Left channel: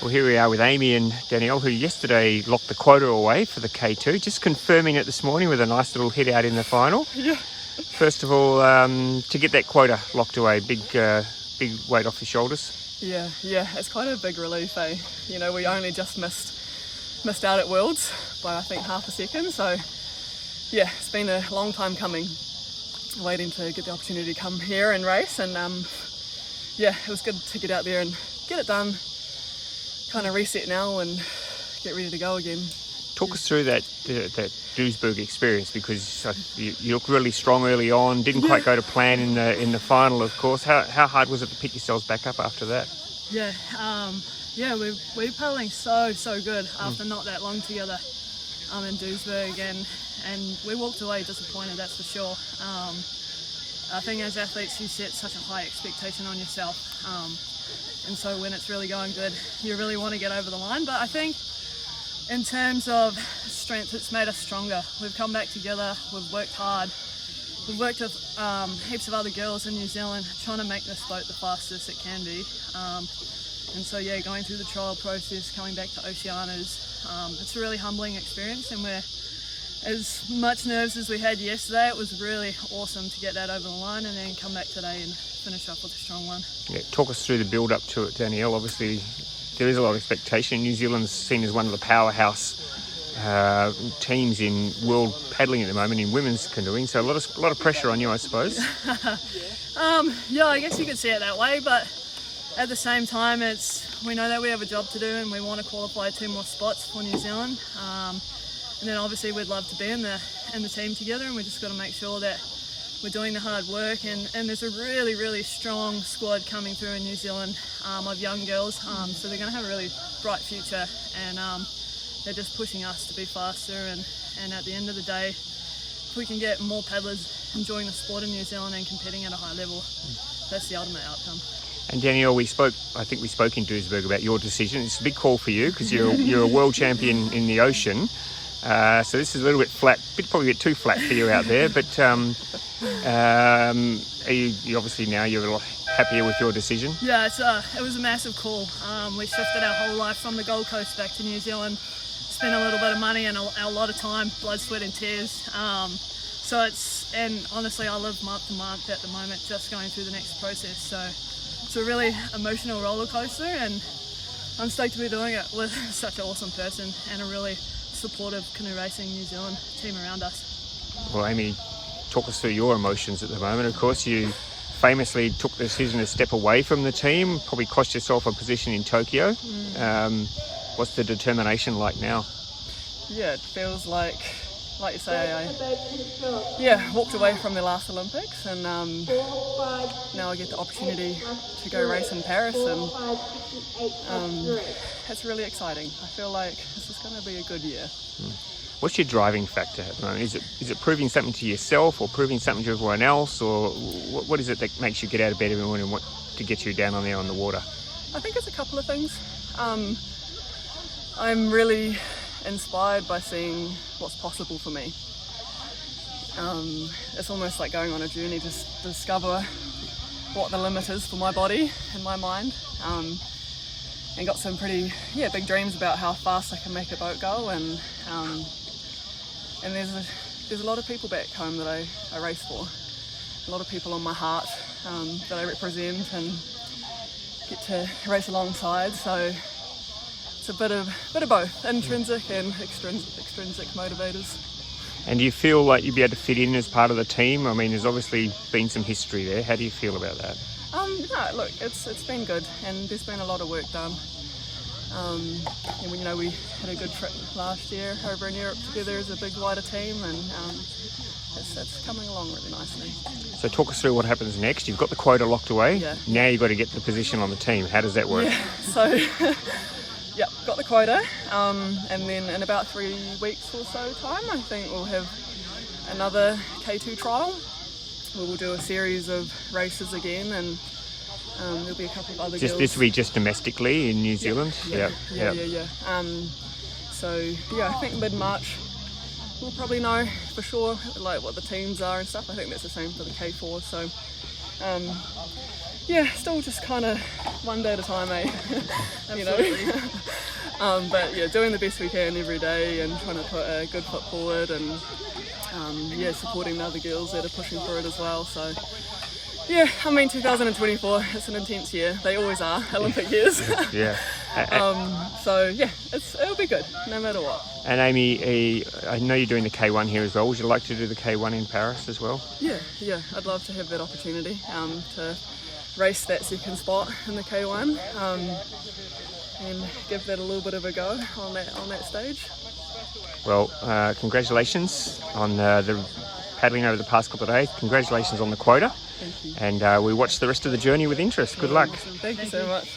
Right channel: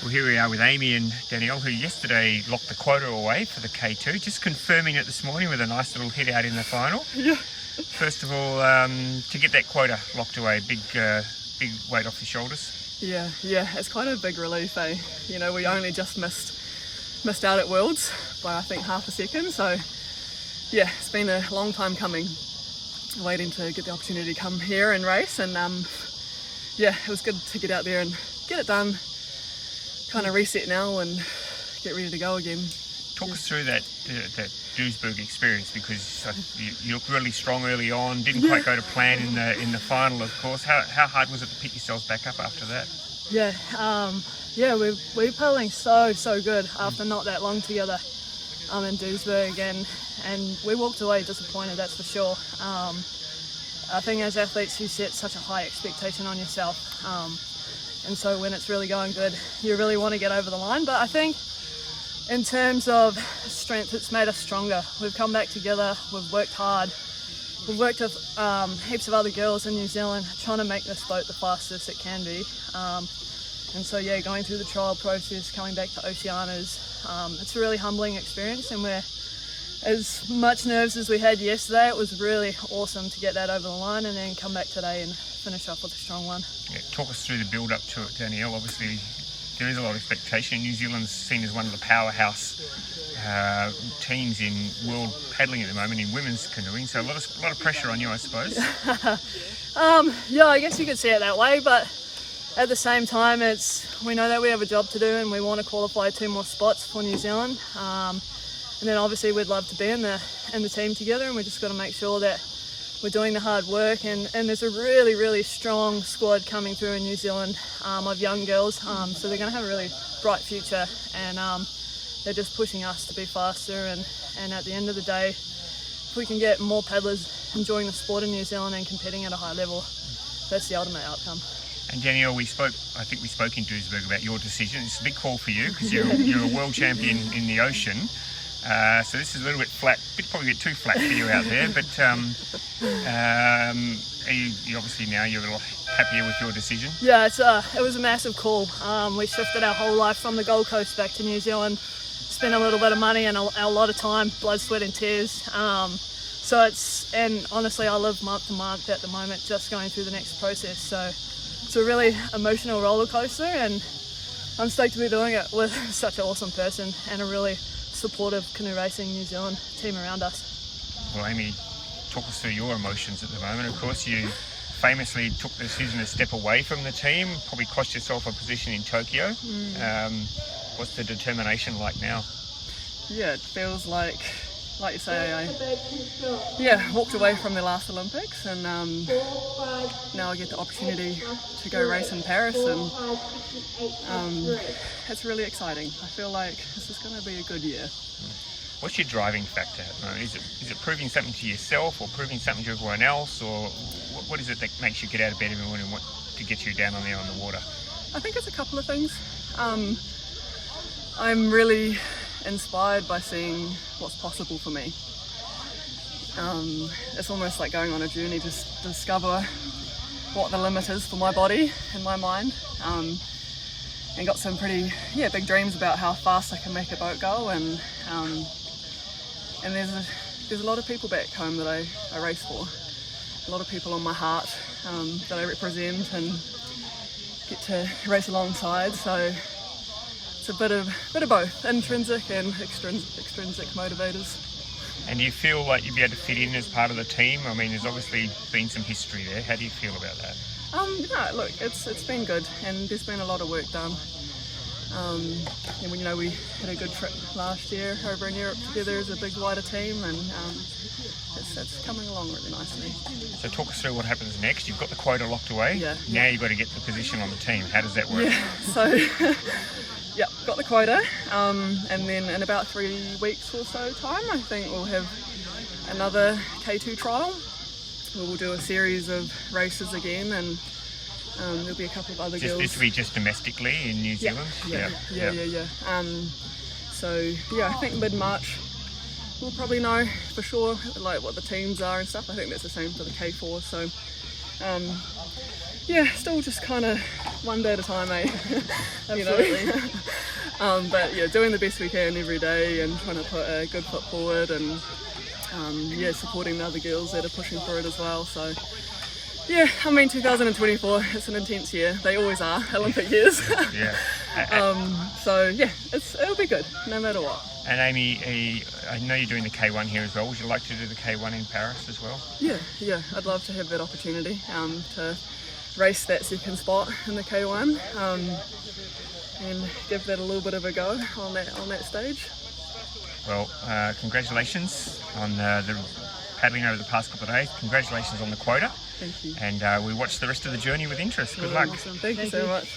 Well, here we are with Aimee and Danielle, who yesterday locked the quota away for the K2. Just confirming it this morning with a nice little hit out in the final. Yeah. First of all, to get that quota locked away, big weight off your shoulders. Yeah, it's quite a big relief, eh? You know, we only just missed out at Worlds by I think half a second, so yeah, it's been a long time coming, waiting to get the opportunity to come here and race, and yeah, it was good to get out there and get it done, kind of reset now and get ready to go again. Talk us through that Duisburg experience, because you looked really strong early on, didn't quite go to plan in the final, of course. How hard was it to pick yourselves back up after that? Yeah, we're paddling so good after not that long together in Duisburg, and we walked away disappointed, that's for sure. I think as athletes you set such a high expectation on yourself, and so when it's really going good you really want to get over the line, but I think in terms of strength, it's made us stronger. We've come back together, we've worked hard. We've worked with heaps of other girls in New Zealand trying to make this boat the fastest it can be. And so yeah, going through the trial process, coming back to Oceania's, it's a really humbling experience, and we're as much nerves as we had yesterday. It was really awesome to get that over the line and then come back today and finish off with a strong one. Yeah, talk us through the build up to it, Danielle. Obviously there is a lot of expectation. New Zealand's seen as one of the powerhouse teams in world paddling at the moment in women's canoeing, so a lot of pressure on you, I suppose. Yeah, I guess you could see it that way, but at the same time we know that we have a job to do and we want to qualify 2 more spots for New Zealand, and then obviously we'd love to be in the team together, and we just got to make sure that we're doing the hard work, and there's a really strong squad coming through in New Zealand of young girls, so they're going to have a really bright future, and they're just pushing us to be faster, and at the end of the day, if we can get more paddlers enjoying the sport in New Zealand and competing at a high level, that's the ultimate outcome. And Danielle, I think we spoke in Duisburg about your decision. It's a big call for you because you're a world champion in the ocean. So this is a little bit flat, probably a bit too flat for you out there, but you obviously now you're a lot happier with your decision? Yeah, it was a massive call. We shifted our whole life from the Gold Coast back to New Zealand, spent a little bit of money and a lot of time, blood, sweat and tears. And honestly I live month to month at the moment just going through the next process, so it's a really emotional roller coaster, and I'm stoked to be doing it with such an awesome person and a really supportive canoe racing New Zealand team around us. Well, Aimee, talk us through your emotions at the moment. Of course, you famously took the decision to step away from the team, probably cost yourself a position in Tokyo. What's the determination like now? Yeah, it feels like you say, I walked away from the last Olympics, and now I get the opportunity to go race in Paris, and it's really exciting. I feel like this is going to be a good year. What's your driving factor at the moment? Is it proving something to yourself or proving something to everyone else, or what is it that makes you get out of bed every morning and what to get you down on there on the water? I think it's a couple of things. I'm really inspired by seeing what's possible for me. It's almost like going on a journey to discover what the limit is for my body and my mind, and got some pretty big dreams about how fast I can make a boat go, and there's a lot of people back home that I race for, a lot of people on my heart that I represent and get to race alongside, so it's a bit of both, intrinsic and extrinsic motivators. And do you feel like you'd be able to fit in as part of the team? I mean, there's obviously been some history there. How do you feel about that? Yeah, look, it's been good, and there's been a lot of work done. And we had a good trip last year over in Europe together as a big wider team, and it's coming along really nicely. So talk us through what happens next. You've got the quota locked away. Now you've got to get the position on the team. How does that work? Yeah, so got the quota, and then in about 3 weeks or so time, I think we'll have another K2 trial. We'll do a series of races again, and there'll be a couple of other girls. This will be just domestically in New Zealand? Yeah. So I think mid-March we'll probably know for sure like what the teams are and stuff. I think that's the same for the K4, so Yeah, still just kind of one day at a time, eh? Absolutely. But yeah, doing the best we can every day and trying to put a good foot forward and yeah, supporting the other girls that are pushing for it as well. So yeah, I mean 2024, it's an intense year. They always are, Olympic years. Yeah. So yeah, it'll be good, no matter what. And Aimee, I know you're doing the K1 here as well. Would you like to do the K1 in Paris as well? Yeah, I'd love to have that opportunity to race that second spot in the K1 and give that a little bit of a go on that stage. Well, congratulations on the paddling over the past couple of days. Congratulations on the quota. Thank you. And we watch the rest of the journey with interest. Good luck. Awesome. Thank you so much.